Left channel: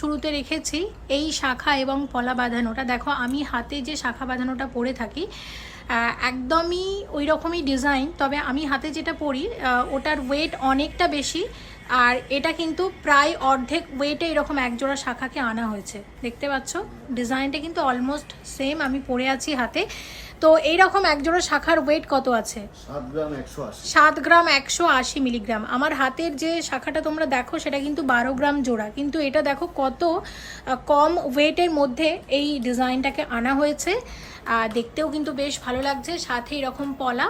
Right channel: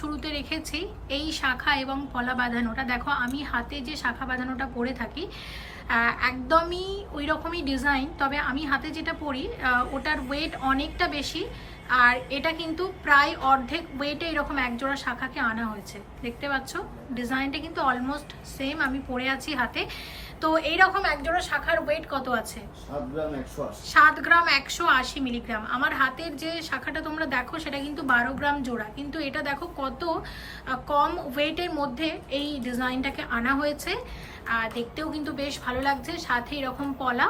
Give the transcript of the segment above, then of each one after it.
শুরুতে রেখেছি এই শাখা এবং পলা বাঁধানোটা। দেখো আমি হাতে যে শাখা বাঁধানোটা পরে থাকি একদমই ওই রকমই ডিজাইন, তবে আমি হাতে যেটা পরি ওটার ওয়েট অনেকটা বেশি, আর এটা কিন্তু প্রায় অর্ধেক ওয়েটে এরকম একজোড়া শাখাকে আনা হয়েছে। দেখতে পাচ্ছ ডিজাইনটা কিন্তু অলমোস্ট সেম আমি পরে আছি হাতে। তো এইরকম একজোড়া শাখার ওয়েট কত আছে? 7 গ্রাম 180 মিলিগ্রাম। আমার হাতের যে শাখাটা তোমরা দেখো সেটা কিন্তু 12 গ্রাম জোড়া, কিন্তু এটা দেখো কত কম ওয়েটের মধ্যে এই ডিজাইনটাকে আনা হয়েছে। দেখতেও কিন্তু বেশ ভালো লাগছে, সাথে এরকম পলা।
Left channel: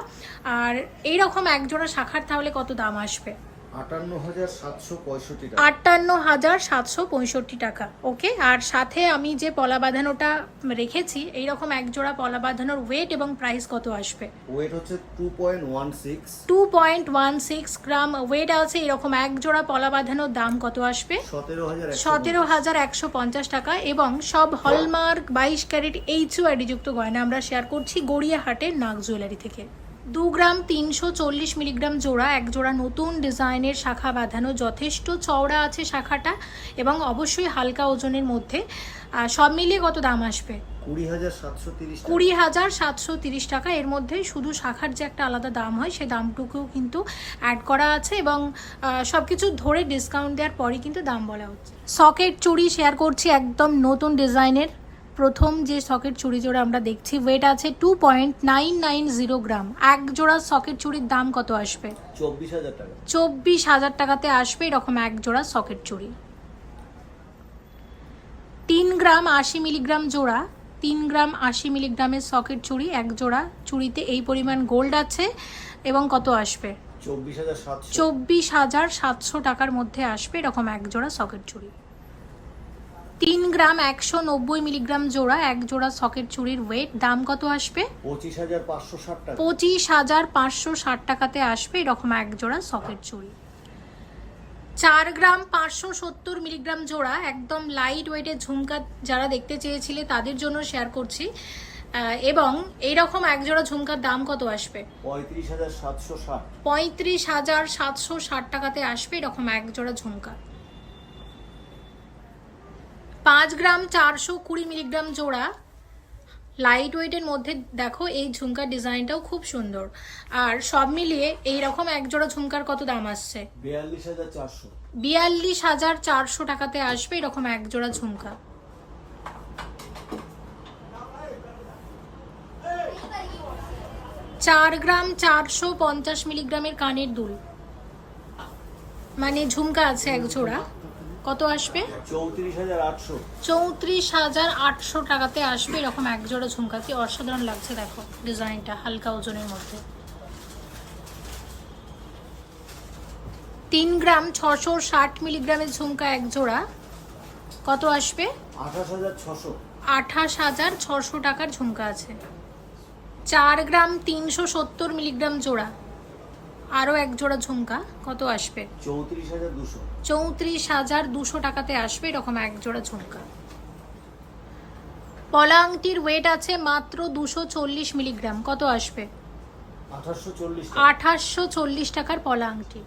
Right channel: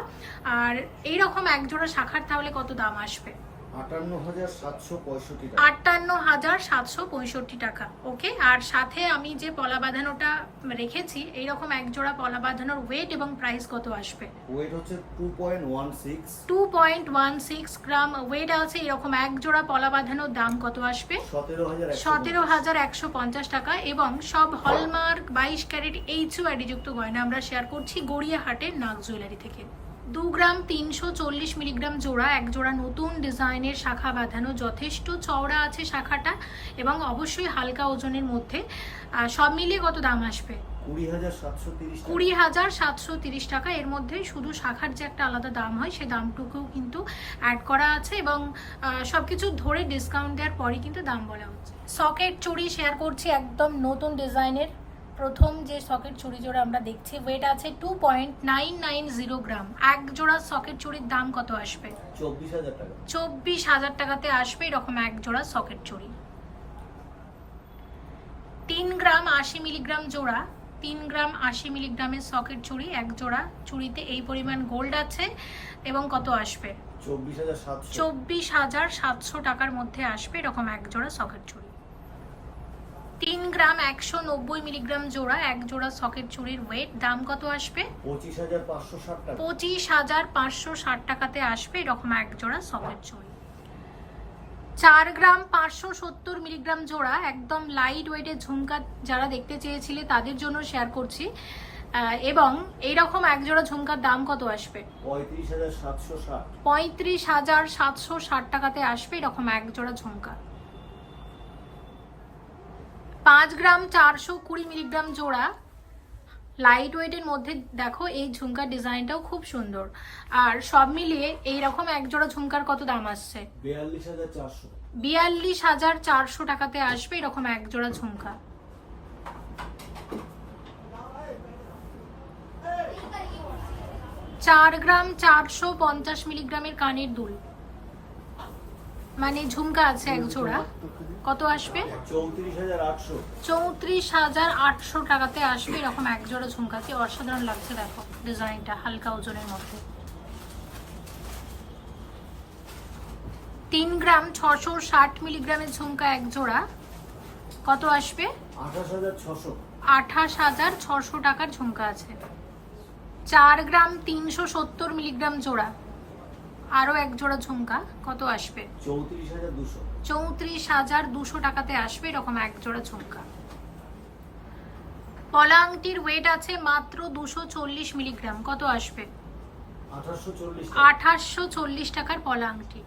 আর এইরকম একজোড়া শাখার তাহলে কত দাম আসবে? 58,765 টাকা। ওকে, আর সাথে আমি যে পলা বাঁধানোটা রেখেছি এইরকম একজোড়া পলা বাঁধানোর ওয়েট এবং প্রাইস কত আসবে? ওয়েট হচ্ছে 2.16 গ্রাম ওয়েট আছে। এরকম একজোড়া পলা বাঁধানোর দাম কত আসবে? 17,150 টাকা। এবং সব হলমার্ক 22 ক্যারেট HUID যুক্ত গয়না আমরা শেয়ার করছি গড়িয়াহাটের নাগ জুয়েলারি থেকে। 2 গ্রাম 340 মিলিগ্রাম জোড়া, এক জোড়া নতুন ডিজাইনের শাখা বাঁধানো, যথেষ্ট চওড়া আছে শাখাটা এবং অবশ্যই হালকা ওজনের মধ্যে। সব মিলিয়ে কত দাম আসবে? 20,730 টাকা। এর মধ্যে শুধু শাখার যে একটা আলাদা দাম হয় সে দামটুকুও কিন্তু অ্যাড করা আছে এবং সবকিছু ধরে ডিসকাউন্ট দেওয়ার পরই কিন্তু দাম বলা হচ্ছে। সকেট চুড়ি শেয়ার করছি একদম নতুন ডিজাইনের। প্রথম যে সকেট চুড়ি জোড়া আমরা দেখছি ওয়েট আছে 2.990 গ্রাম। এক জোড়া সকেট চুড়ির দাম কত আসবে? 24,000 টাকা। 24,000 টাকাতে আসবে এরকম এক জোড়া সকেট চুড়ি। 3 গ্রাম 80 মিলিগ্রাম জোড়া, 3 গ্রাম 80 মিলিগ্রামের সকেট চুড়ি এক জোড়া। চুড়িতে এই পরিমাণ গোল্ড আছে এবং কত আসবে? 24,700 টাকার মধ্যে আসবে এরকম এক জোড়া সকেট চুড়ি। 3 গ্রাম 190 মিলিগ্রাম জোড়া, এক জোড়া সকেট চুড়ির ওয়েট, দাম কত আসবে? 25,560 টাকা। 25,560 টাকাতে আসবে এরকম এক জোড়া সকেট চুড়ি। 4 গ্রাম 570 মিলিগ্রাম জোড়া, একদম লাইট ওয়েটের ঝুমকা যারা দেখতে চেয়েছিলে তাদের জন্য শেয়ার করছি। এবং এইরকম এক জোড়া ঝুমকার দাম কত আসবে? 35,760। 35,760 টাকাতে আসবে এরকম এক জোড়া ঝুমকা। 5 গ্রাম 420 মিলিগ্রাম জোড়া, লাইট ওয়েটের মধ্যে দেখো এই ঝুমকার ডিজাইনটাও খুব সুন্দর। আর সব মিলিয়ে এইরকম এক জোড়া ঝুমকার কত দাম আসছে? 42,400। 42,400 টাকাতে আসবে এরকম এক জোড়া ঝুমকা। 4 গ্রাম 450 মিলিগ্রামের কানের দুল, মানে ঝুমকা আছে এক জোড়া, কত আসবে? 34,800। 34,800 টাকাতে আসবে এরকম এক জোড়া ঝুমকা। কি অসাধারণ লাগছে দেখো ডিজাইনটা, হালকা ওজনের মধ্যে। 3 গ্রাম 660 মিলিগ্রামের ঝুমকা এক জোড়া, কত আসবে? 28,600। 28,600 টাকার ঝুমকা আছে। 4 গ্রাম 370 মিলিগ্রাম জোড়া, আরও এক জোড়া ঝুমকা, কত আসবে? 34,200। 34,200 টাকাতে আসবে এরকম এক জোড়া ঝুমকা। পলা আংটির ওয়েট আছে মাত্র 240 মিলিগ্রাম, কত আসবে? 2840 টাকার পলা আংটি।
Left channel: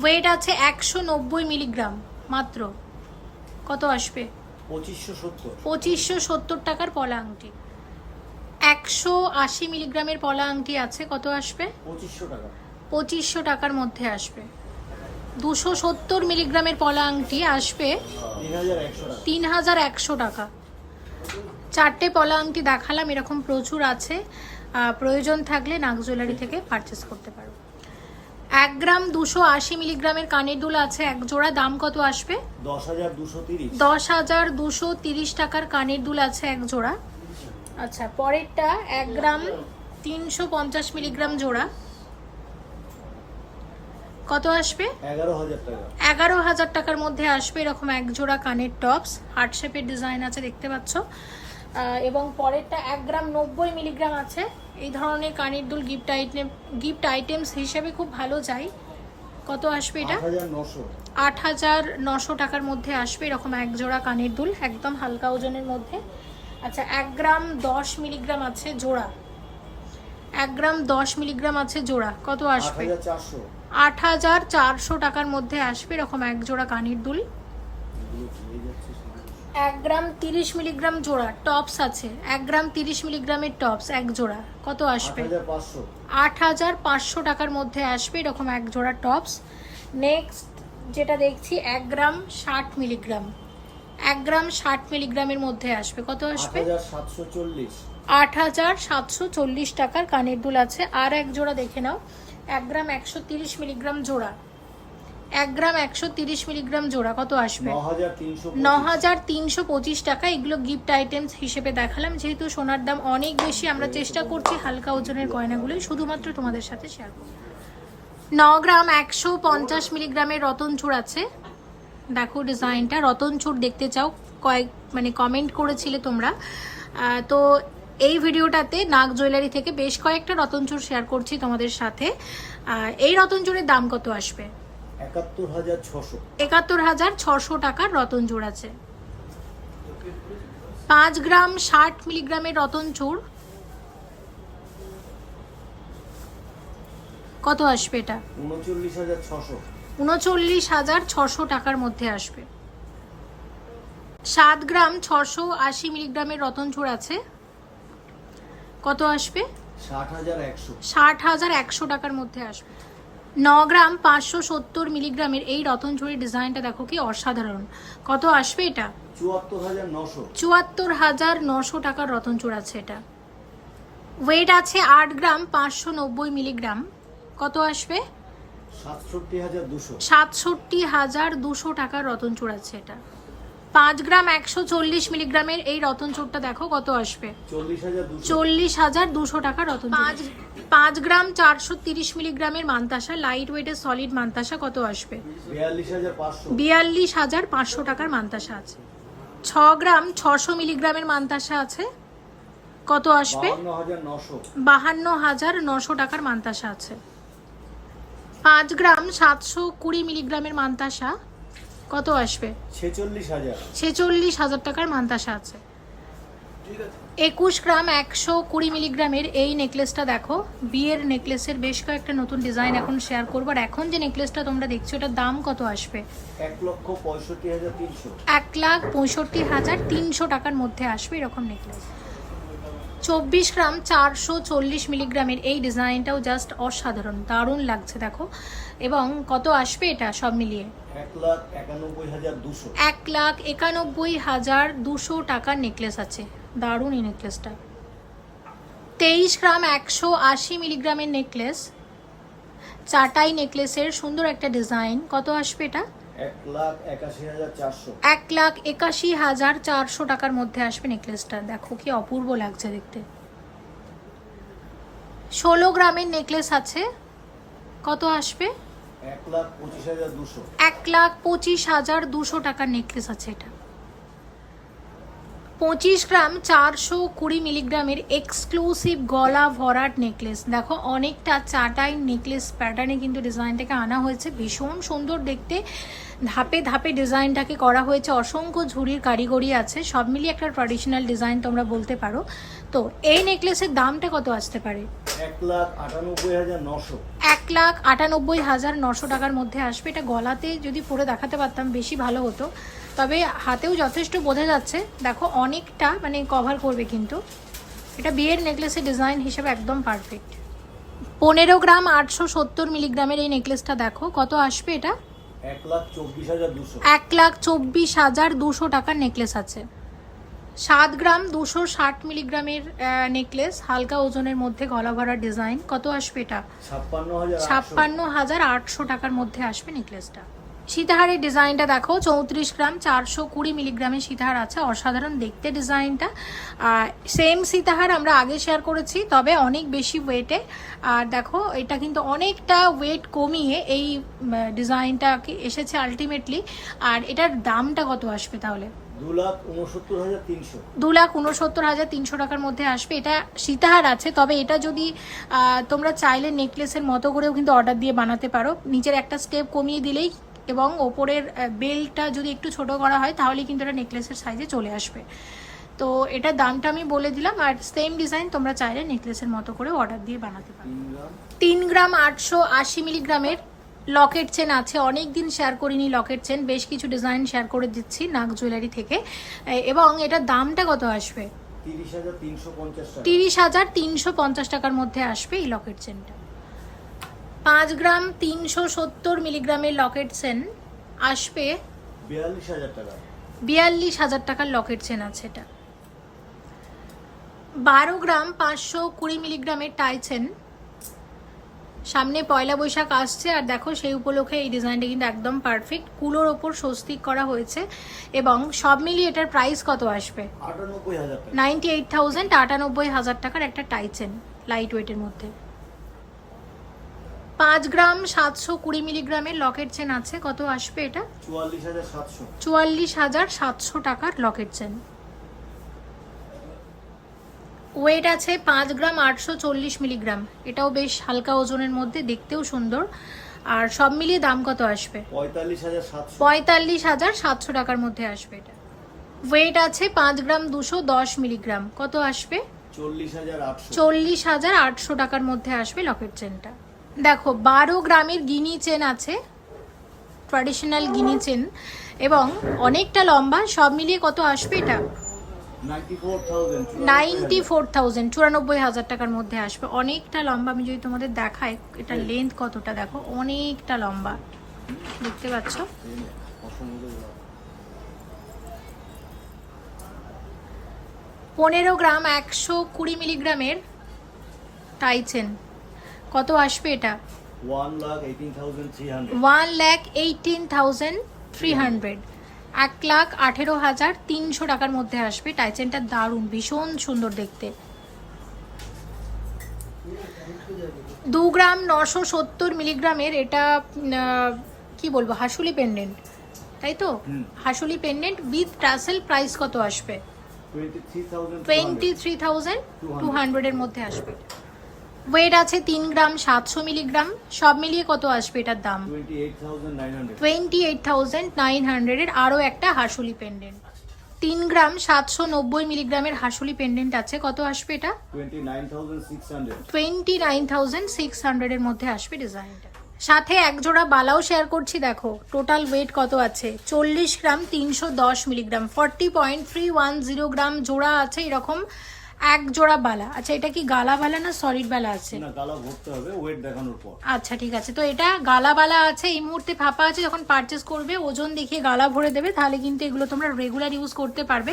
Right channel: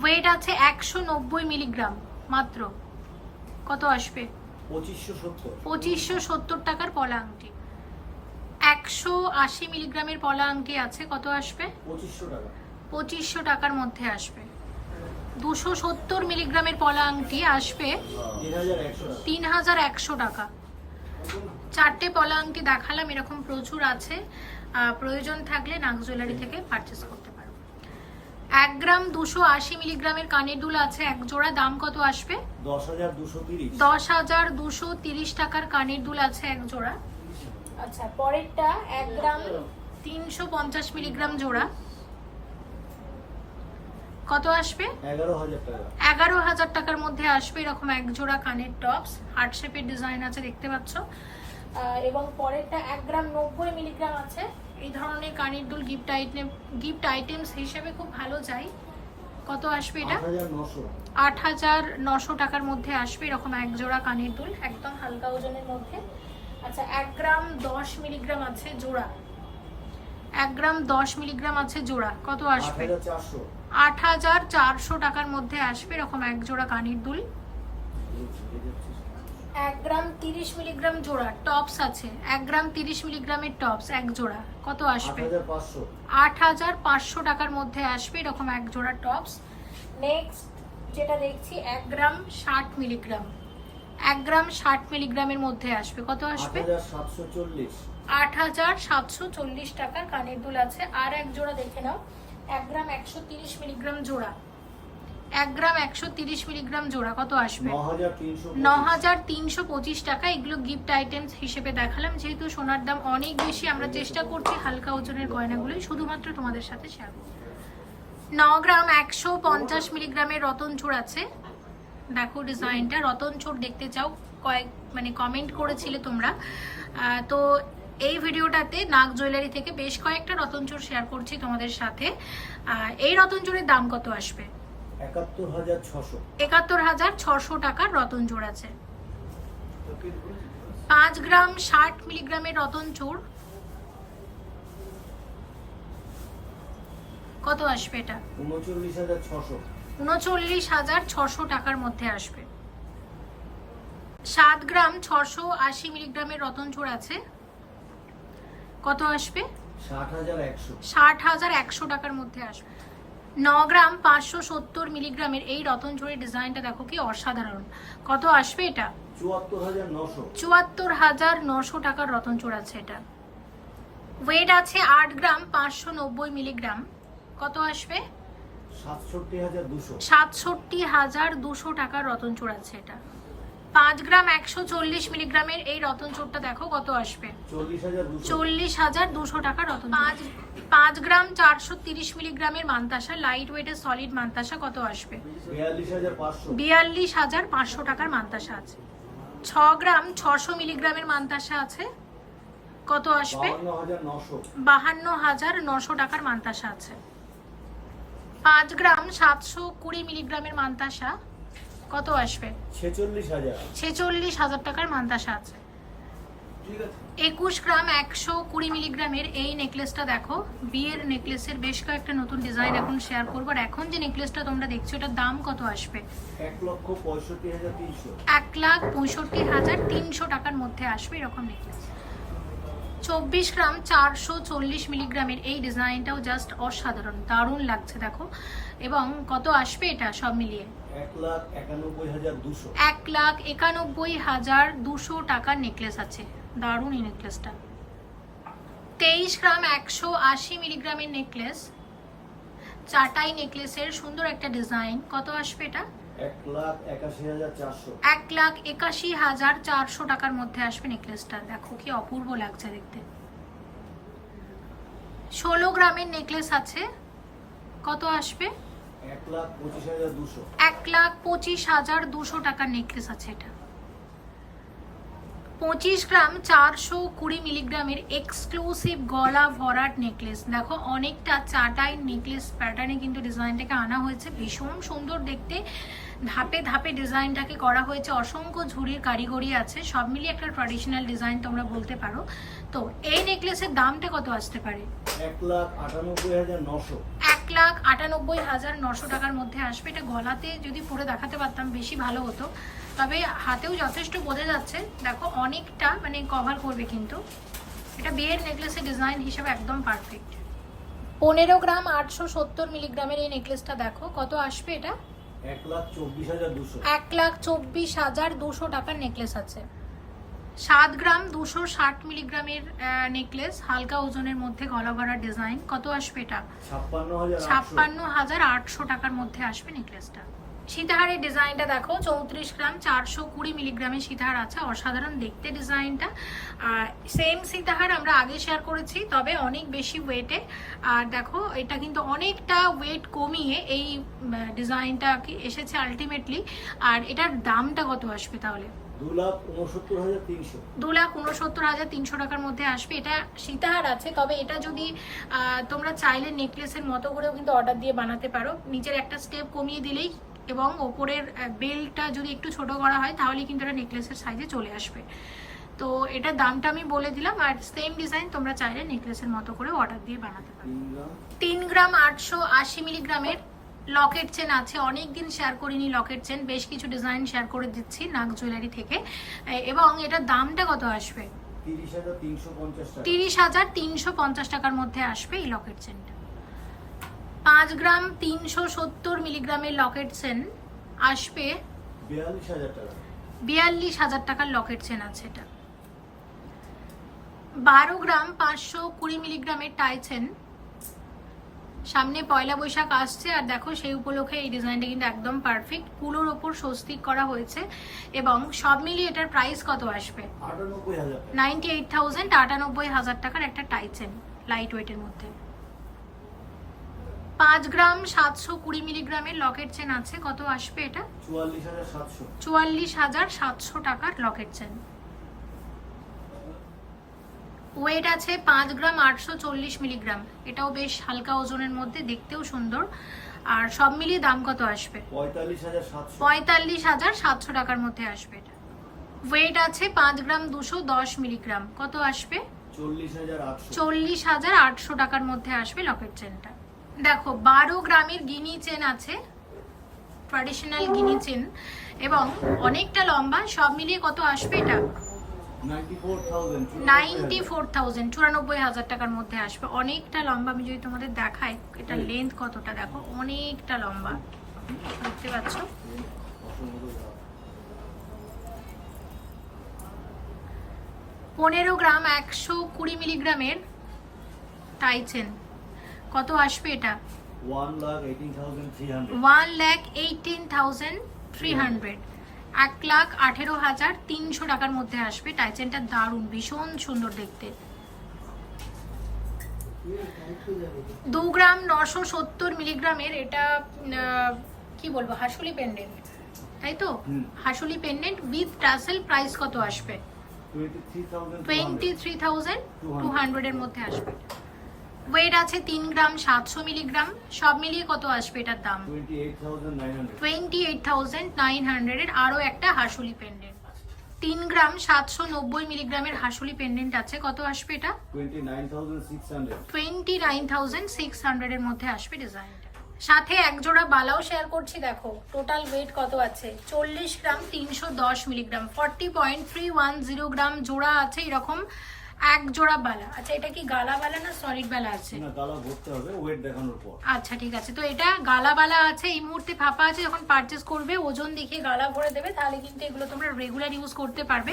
ওয়েট আছে 190 মিলিগ্রাম মাত্র, কত আসবে? 2570 টাকার পলা আংটি। 180 মিলিগ্রামের পলা আংটি আছে, কত আসবে? 2500 টাকার মধ্যে আসবে। 270 মিলিগ্রামের পলা আংটি আসবে 3,100 টাকা। 4টে পলা আংটি দেখালাম, এরকম প্রচুর আছে, প্রয়োজন থাকলে নাগ জুয়েলারি থেকে পারচেস করতে পারো। 1 গ্রাম 280 মিলিগ্রামের কানের দুল আছে এক জোড়া, দাম কত আসবে? 10,230। 10,230 টাকার কানের দুল আছে এক জোড়া। আচ্ছা, পরেরটা 1 গ্রাম 350 মিলিগ্রাম জোড়া, কত আসবে? 11,000 টাকার মধ্যে আসবে এরকম এক জোড়া কানের টপস, হার্ট শেপের ডিজাইন আছে দেখতে পাচ্ছ। এবং পরেরটা 1 গ্রাম 90 মিলিগ্রাম আছে। এই ধরনের কানের দুল গিফট আইটেমস হিসেবে খুব ভালো যায়। কত আসবে এটা? 8,900 টাকার মধ্যে আসবে এরকম এক জোড়া কানের দুল, একদম হালকা ওজনের মধ্যে। আচ্ছা, 1 গ্রাম 10 মিলিগ্রাম আছে জোড়া, 1 গ্রাম 10 মিলিগ্রাম আছে জোড়া, কত আসবে? 8,400। 8,400 টাকার মধ্যে আসবে এরকম এক জোড়া কানের দুল। 1 গ্রাম 30 মিলিগ্রাম জোড়া টপস আছে, 1 গ্রাম 30 মিলিগ্রামের টপস এক জোড়া কত আসবে? 8500। 8500 টাকার মধ্যে আসবে এরকম এক জোড়া টপস। নেক্সট যেটা দেখছি 1 গ্রাম 60 মিলিগ্রাম, 1 গ্রাম 60 মিলিগ্রামের মধ্যে আসবে কত আসবে? 8740। 8740 টাকার কানের দুল আছে। আর এক জোড়া দেখে নাও, 1 গ্রাম 130 মিলিগ্রাম জোড়া, 1 গ্রাম 130 মিলিগ্রাম জোড়া কত আসবে? 9325 টাকা। এগুলো গিফট আইটেমস হিসেবে দেখালাম, যেহেতু সোনার দাম অনেক বেশি আমরা চেষ্টা করছি হালকা ওজনের গয়নাগুলোই শুধুমাত্র তোমাদের সাথে শেয়ার করব। 9 গ্রাম 150 মিলিগ্রামের রতন চূড় আছে, দেখো ডিজাইনটা। রতন চূড় দেখতে চাও কমেন্ট করেছিলে তোমরা, তো এই ভিডিওটাতে নাগ জুয়েলারি থেকে বেশ কয়েকটা রতন চূড় শেয়ার করছি তোমাদের সাথে। এই রতন চূড়ের দাম কত আসবে? 71600। 71600 টাকার রতন চূড় আছে। 5 গ্রাম 60 মিলিগ্রামের রতন চূড় কত আসবে? এটা 39600। 39600 টাকার মধ্যে আসবে। 7 গ্রাম 680 মিলিগ্রামের রতন চূড় আছে, কত আসবে? 60100। 60100 টাকার মধ্যে আসবে। 9 গ্রাম 570 মিলিগ্রামের এই রতন চূড়ের ডিজাইনটা দেখো কি অসাধারণ, কত আসবে এটা? 74900। 74900 টাকার রতন চূড় আছে এটা। ওয়েট আছে 8 গ্রাম 590 মিলিগ্রাম, কত আসবে? 67200। 67200 টাকার রতন চূড় আছে এটা। 5 গ্রাম 140 মিলিগ্রামের এই রতন চূড়টা দেখো কত আসবে? 40200 টাকা রতন চূড়। 5 গ্রাম 430 মিলিগ্রামের মান্তাসা, লাইট ওয়েটের সলিড মান্তাসা কত আসবে? 42500 টাকার মান্তাসা আছে। 6 গ্রাম 600 মিলিগ্রামের মান্তাসা আছে, কত আসবে? 52900 টাকার মান্তাসা আছে। 5 গ্রাম 720 মিলিগ্রামের মান্তাসা কত আসবে? 46000 টাকার মান্তাসা আছে। 21 গ্রাম 120 মিলিগ্রামের এই নেকলেসটা দেখো, বিয়ের নেকলেসের বেশ কয়েকটা নতুন ডিজাইন এখন শেয়ার করবো। আর এখন যে নেকলেসটা তোমরা দেখছো এটার দাম কত আসবে? 1,65,300। 1,65,300 টাকার মধ্যে আসবে এরকম নেকলেস। 24 গ্রাম 440 মিলিগ্রামের এই ডিজাইনটাও জাস্ট অসাধারণ, দারুণ লাগছে দেখো। এবং কত আসবে এটা সব মিলিয়ে? 1,91,200। 1,91,200 টাকার নেকলেস আছে, দারুণ এই নেকলেসটা। 23 গ্রাম 180 মিলিগ্রামের নেকলেস, চাটাই নেকলেসের সুন্দর একটা ডিজাইন, কত আসবে এটা? 1,81,400। 1,81,400 টাকার মধ্যে আসবে নেকলেসটা, দেখো কি অপূর্ব লাগছে দেখতে। 16 গ্রামের নেকলেস আছে, কত আসবে? 1,25,200। 1,25,200 টাকার নেকলেস আছে এটা। 25 গ্রাম 420 মিলিগ্রামের এক্সক্লুসিভ গলা ভরাট নেকলেস, দেখো অনেকটা চাটাই নেকলেস প্যাটার্নে কিন্তু ডিজাইনটাকে আনা হয়েছে, ভীষণ সুন্দর দেখতে। ধাপে ধাপে ডিজাইনটাকে করা হয়েছে, অসংখ্য ঝুড়ির কারিগরি আছে, সব মিলিয়ে একটা ট্র্যাডিশনাল ডিজাইন তোমরা বলতে পারো। তো এই নেকলেসের দামটা কত আসতে পারে? 1,98,900। 1,98,900 টাকার মধ্যে আসবে। এটা গলাতে যদি পরে দেখাতে পারতাম বেশি ভালো হতো, তবে হাতেও যথেষ্ট বোঝা যাচ্ছে, দেখো অনেকটা কভার করবে, কিন্তু এটা বিয়ের নেকলেসের ডিজাইন হিসেবে একদম পারফেক্ট। 15 গ্রাম 870 মিলিগ্রামের এই নেকলেসটা দেখো কত আসবে এটা? 1,24,200। 1,24,200 টাকার নেকলেস আছে। 7 গ্রাম 260 মিলিগ্রামের নেকলেস, হালকা ওজনের মধ্যে গলা ভরা ডিজাইন, কত আসবে এটা? 56,800 টাকার মধ্যে আসবে নেকলেসটা। সীতাহারের ডিজাইনটা দেখো, 34 গ্রাম 420 মিলিগ্রামের সীতাহার আছে, অসাধারণ দেখতে ডিজাইনটা। সেম সীতাহার আমরা আগে শেয়ার করেছি, তবে অনেক বেশি ওয়েটে। আর দেখো এটা কিন্তু অনেকটা ওয়েট কমিয়ে এই ডিজাইনটা এসেছে আলটিমেটলি। আর এটার দামটা কত আসবে তাহলে? 2,69,300। 2,69,300 টাকার মধ্যে আসবে। এটা সীতাহার আছে, তবে এটা যদি তোমরা চাইলে নেকলেসের মতো করেও কিন্তু অর্ডার দিয়ে বানাতে পারো, নিচের একটা স্টেপ কমিয়ে দিলেই এবং ওপরের বেল্টটা যদি একটু ছোট করা হয় তাহলে কিন্তু এটা নেকলেসের সাইজে চলে আসবে। তো এটার দামটা আমি বলে দিলাম। আর সেম ডিজাইন তোমরা চাইলে নেকলেসের মতো করে অর্ডার দিয়ে বানাতে পারো। 3 গ্রাম 880 মিলিগ্রামের লকেট চেন আছে, অনেক দিন শেয়ার করিনি লকেট চেন, বেশ কিছু ডিজাইন শেয়ার করে দিচ্ছি নাগ জুয়েলারি থেকে। এবং এটার দামটা কত আসবে? 30,350 টাকার মধ্যে আসবে এই লকেট চেনটা। 5 গ্রাম 370 মিলিগ্রামের লকেট চেন আসবে 42,000 টাকা। 42,000 টাকার লকেট চেন আছে এটা। 12 গ্রাম 520 মিলিগ্রামের টাই চেন, সামনে পয়লা বৈশাখ আসছে আর দেখো সেই উপলক্ষে এই ডিজাইনটা কিন্তু একদম পারফেক্ট, কুলোর ওপর স্বস্তিক করা হয়েছে এবং সব মিলিয়ে এটার প্রাইস কত আসবে? 98,000 টাকা। 98,000 টাকার একটা টাই চেন লাইট ওয়েটের মধ্যে। 5 গ্রাম 720 মিলিগ্রামের লকেট চেন আছে, কত আসবে এটা? 44,700। 44,700 টাকার লকেট চেন। ওয়েট আছে 5 গ্রাম 840 মিলিগ্রাম, এটাও বেশ হালকা ওজনের মধ্যে, দেখতেও সুন্দর। আর সব মিলিয়ে দাম কত আসবে? 45,700। 45,700 টাকার মধ্যে আসবে এটা। ওয়েট আছে 5 গ্রাম 210 মিলিগ্রাম, কত আসবে? 40,800। 40,800 টাকার মধ্যে আসবে লকেট চেনটা। দেখো 12 গ্রামের গিনি চেন আছে, ট্র্যাডিশনাল গিনি চেন এবং অনেকটা লম্বা, সব মিলিয়ে কত আসবে এটা? 94,000। 94,000 টাকার মধ্যে আসবে, অনেকটা লম্বা। আমি যদি তোমাদের দেখাই এটা লেন্থ কতটা, দেখো অনেকটা লম্বা, দেখতে পাচ্ছ? 15 গ্রাম 120 মিলিগ্রামের টাই চেন, কত আসবে এটা? 1,18,300। 1,18,300, 1,18,300 টাকার মধ্যে আসবে। টাইচেনটা দারুণ, ভীষণ সুন্দর দেখতে। 2 গ্রাম 970 মিলিগ্রামের এটা কি বলবো, হাসুলি পেন্ডেন্ট, তাই তো? হাসুলি পেন্ডেন্ট উইথ টাসেল, প্রাইস কত আসবে? 23,200 এর মধ্যে আসবে। ওয়েট আছে 3 গ্রাম 700 মিলিগ্রাম, সব মিলিয়ে কত আসবে এটার দাম? 28,900 এর আরও একটা হাসুলি পেন্ডেন্ট। 3 গ্রাম 790 মিলিগ্রামের হাসুলি পেন্ডেন্ট আছে, কত আসবে এটা? 29,600 এর মধ্যে আসবে ডিজাইনটা। সাথে এক জোড়া বালাও শেয়ার করছি, দেখো টোটাল ওয়েট কত আছে? 40 গ্রাম 310 মিলিগ্রাম, 40.310 গ্রাম জোড়া আছে এরকম এক জোড়া বালা। আচ্ছা এটা কি গালা বালা না সলিড বালা আছে? না, গালা ভরতে হবে ওয়েট দেখানোর পর। আচ্ছা ঠিক আছে, তো এটা গালা বালা আছে, এই মুহূর্তে ফাঁপা আছে, যখন পারচেস করবে ওজন দেখিয়ে গালা ভরে দেবে, তাহলে কিন্তু এগুলো তোমরা রেগুলার ইউজ করতে পারবে।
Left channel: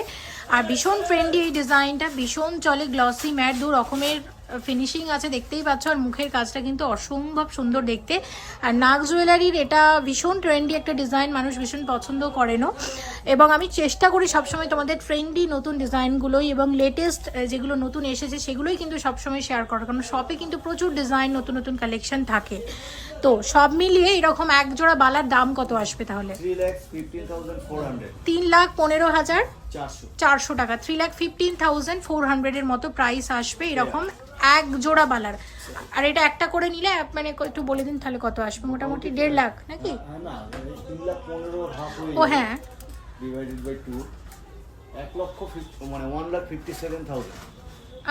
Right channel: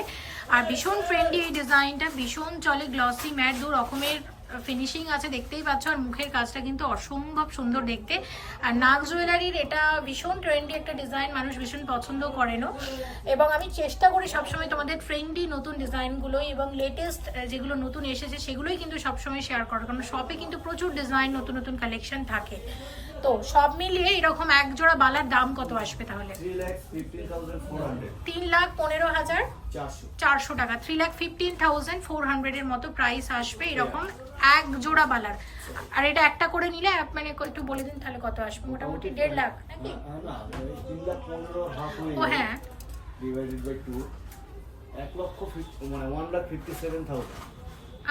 আর ভীষণ ফ্রেন্ডলি এই ডিজাইনটা, ভীষণ চলে, গ্লসি ম্যাট, 2 রকমের ফিনিশিং আছে, দেখতেই পাচ্ছ। আর মুখের কাজটা কিন্তু অসম্ভব সুন্দর দেখতে। আর নাগ জুয়েলারির এটা ভীষণ ট্রেন্ডি একটা ডিজাইন, মানুষ ভীষণ পছন্দ করেনও। এবং আমি চেষ্টা করি সবসময় তোমাদের ট্রেন্ডি নতুন ডিজাইনগুলোই এবং লেটেস্ট যেগুলো নতুন এসেছে সেগুলোই কিন্তু সবসময় শেয়ার করার, কারণ শপে কিন্তু প্রচুর ডিজাইন, নতুন নতুন কালেকশন থাকে। তো সব মিলিয়ে এরকম এক জোড়া বালার দাম কত আসবে তাহলে? 3,15,400 টাকা, 3,15,400 এর মতো প্রাইস আসবে এরকম এক জোড়া বালার। আর এটা একটা করে নিলে মানে একটু বলে দিন তাহলে কত আসবে? মোটামুটি 1.5 লাখ নাকি? ও হ্যাঁ,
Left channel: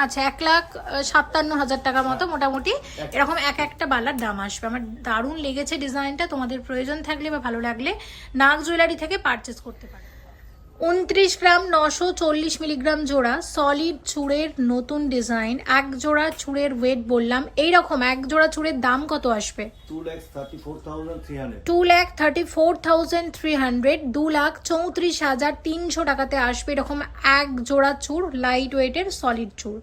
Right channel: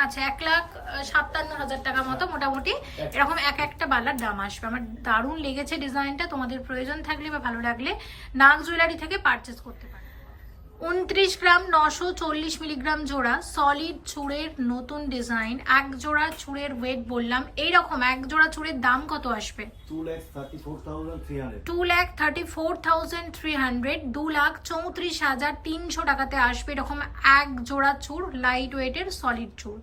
আচ্ছা 1,57,000 টাকা মতো মোটামুটি এরকম একটা বালার দাম আসবে। আমার দারুণ লেগেছে ডিজাইনটা, তোমাদের প্রয়োজন থাকলে বা ভালো লাগলে নাগ জুয়েলারি থেকে পারচেস করতে পারো। 29 গ্রাম 940 মিলিগ্রাম জোড়া সলিড চূড়ের নতুন ডিজাইন, এক জোড়া চূড়ের ওয়েট বললাম, এইরকম এক জোড়া চূড়ের দাম কত আসবে? 2,34,300, 2,34,300 টাকাতে আসবে এরকম এক জোড়া চূড়, লাইট ওয়েটের সলিড চূড়।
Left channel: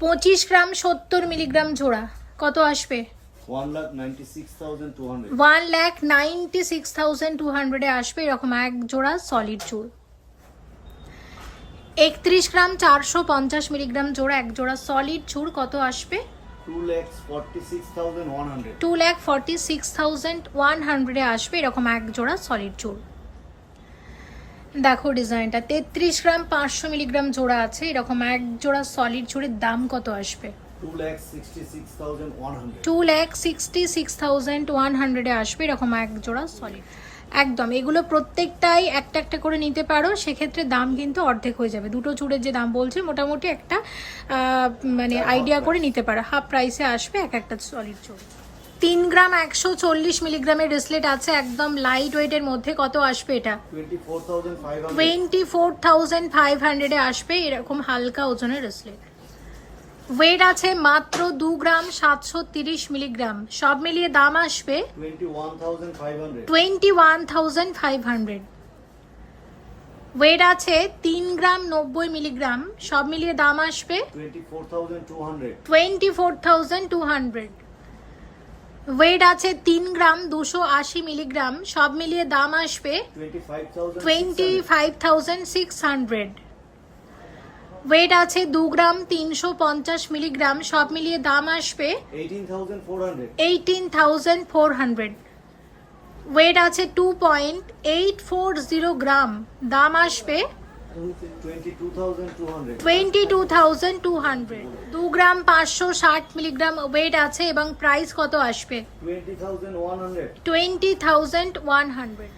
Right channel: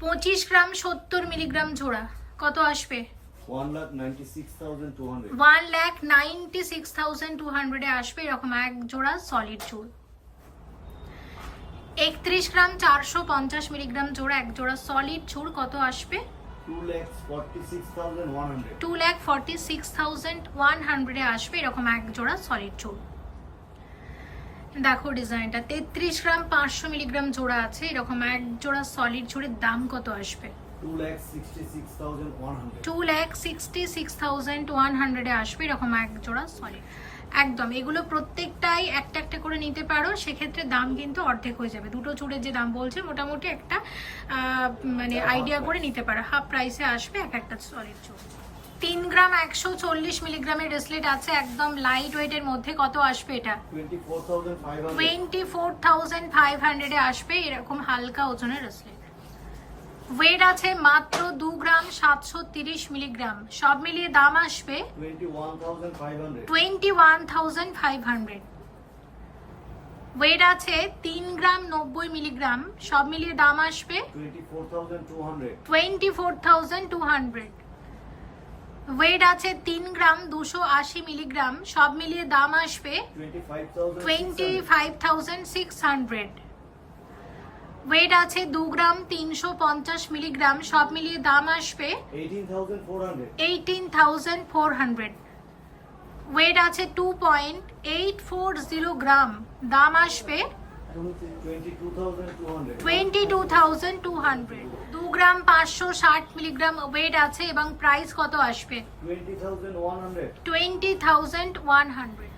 25 গ্রাম 70 মিলিগ্রাম জোড়া, কত আসবে? 1,96,200 আসবে এরকম এক জোড়া সলিড চূড়। 31 গ্রাম 450 মিলিগ্রাম জোড়া, এক জোড়া সলিড চূড়, কত আসবে? 2,46,100 আসবে এরকম এক জোড়া সলিড চূড়। দেখো ডিজাইনটা 33 গ্রাম 500 মিলিগ্রাম জোড়া আছে এরকম এক জোড়া সলিড চূড়ের দাম কত আসবে? 2,66,100 আসবে এরকম এক জোড়া সলিড। একদম এগুলো প্রত্যেকটাই একটা একটা করে নিতে পারো, সেক্ষেত্রে দাম কিন্তু অর্ধেক হয়ে যাবে। দুটো চূড়ের যে দাম বলছে মোটামুটি একটা মানে আইডিয়া করে নিতে পারো, হাফ প্রাইসে আসবে এক একটা সলিড চূড়। 3 গ্রাম 140 মিলিগ্রামের ব্রেসলেট আছে, একদম লাইট ওয়েটের মধ্যে। কত আসবে এটা? 24,500 24,500 এ আসবে এরকম হালকা ওজনের ব্রেসলেট। ওয়েট আছে মাত্র 2 গ্রাম 730 মিলিগ্রাম, সব মিলিয়ে দাম আসবে 21,500 21,500। ওয়েট আছে 3 গ্রাম 90 মিলিগ্রাম, সব মিলিয়ে দাম আসবে 24,200 24,200। ওয়েট আছে 3 গ্রাম 280 মিলিগ্রাম, সব মিলিয়ে দাম আসবে 25,600 25,600। ওয়েট আছে 2 গ্রাম 350 মিলিগ্রাম, সব মিলিয়ে দাম আসবে 18,400 18,400। ওয়েট আছে 2.840 গ্রাম, দাম আসবে 22,200 22,200। 2 গ্রাম 560 মিলিগ্রাম ওয়েট আছে এবং প্রাইস কত আসবে? 20,100 20,100।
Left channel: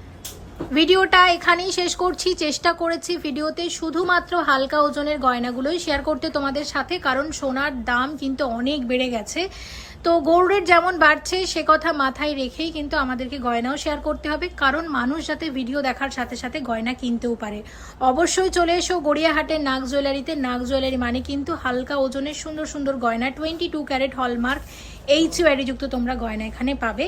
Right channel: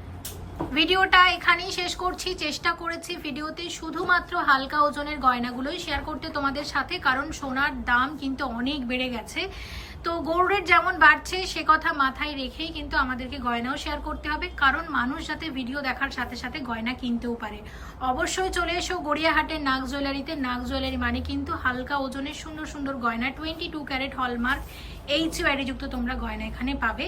ভিডিওটা এখানেই শেষ করছি। চেষ্টা করেছি ভিডিওতে শুধুমাত্র হালকা ওজনের গয়নাগুলোই শেয়ার করতে তোমাদের সাথে, কারণ সোনার দাম কিন্তু অনেক বেড়ে গেছে। তো গোল্ড রেট যেমন বাড়ছে সে কথা মাথায় রেখেই কিন্তু আমাদেরকে গয়নাও শেয়ার করতে হবে, কারণ মানুষ যাতে ভিডিও দেখার সাথে সাথে গয়না কিনতেও পারে। অবশ্যই চলে এসো গড়িয়াহাটের নাগ জুয়েলারিতে। নাগ জুয়েলারি মানে কিন্তু হালকা ওজনের সুন্দর সুন্দর গয়না, 22 ক্যারেট হলমার্ক HUID যুক্ত তোমরা গয়না এখানে পাবে।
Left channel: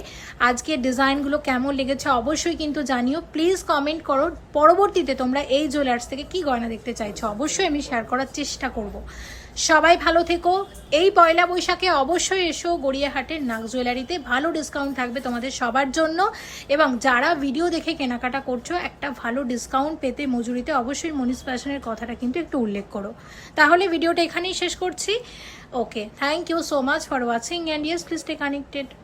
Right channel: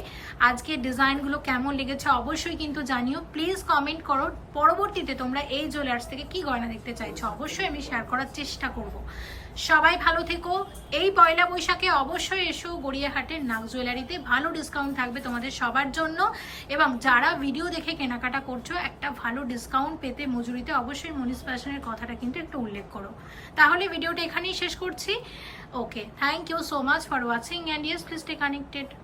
আজকের ডিজাইনগুলো কেমন লেগেছে অবশ্যই কিন্তু জানিও, প্লিজ কমেন্ট করো। পরবর্তীতে তোমরা এই জুয়েলার্স থেকে কি গয়না দেখতে চাইছো অবশ্যই আমি শেয়ার করার চেষ্টা করব। সবাই ভালো থেকো। এই পয়লা বৈশাখে অবশ্যই এসো গড়িয়াহাটের নাগ জুয়েলারিতে, ভালো ডিসকাউন্ট থাকবে তোমাদের সবার জন্য। এবং যারা ভিডিও দেখে কেনাকাটা করছো একটা ভালো ডিসকাউন্ট পেতে মজুরিতে অবশ্যই মনীষ ফ্যাশনের কথাটা কিন্তু একটু উল্লেখ করো। তাহলে ভিডিওটা এখানেই শেষ করছি। Okay, thank you so much for watching and yes please stay connected.